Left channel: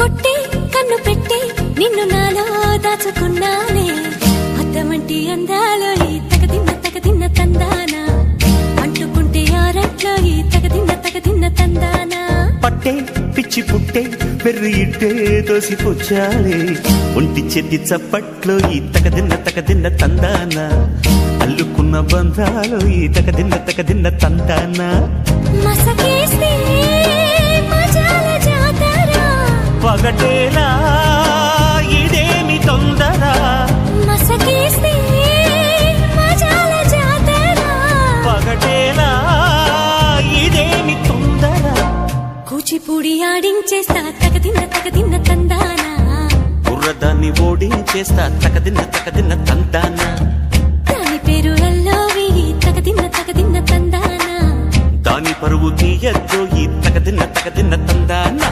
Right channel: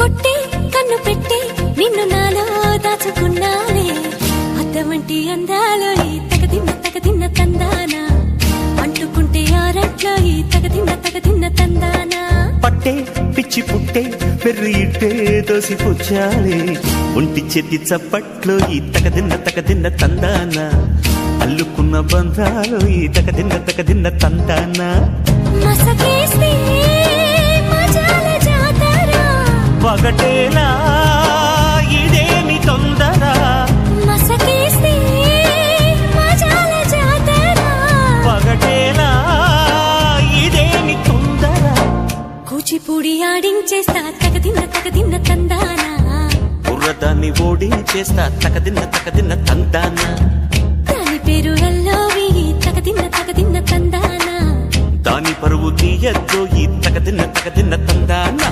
కొట్టి కన్ను పెట్టి నిన్ను నాలో దాచుకున్నానే అద్దమంటి అందాలో ఈ తగదిన్న తందానా అంటుకుంటే ఆరట్లో ఈ తగదిన్న తందానా పట్టే పిచ్చి పుట్టే పెర్రి ఇట్టే దోసిపుచ్చాలే ఒంటి చెట్టి చప్పట్లో ఈ తగదిన్న తందానా అల్లుకున్న బంధాలు ఈ తగదిన్న తందానా మసకేస్తే మజాల జాతర పగటేలా ఇదేమి తొందర మసకేస్తే మజాల జాతర పగటేలా ఇదేమి తొందర కూచిపూడి ఆడించేస్తా తగదిన్న తందానా బుర్రదాన్ని ఓడించేస్తా తగదిన్న తందానా దాని పేరు ఎల్లోవి తగదిన్న తందానా దాని పరువు తీయద్దు ఈ తగదిన్న తందానా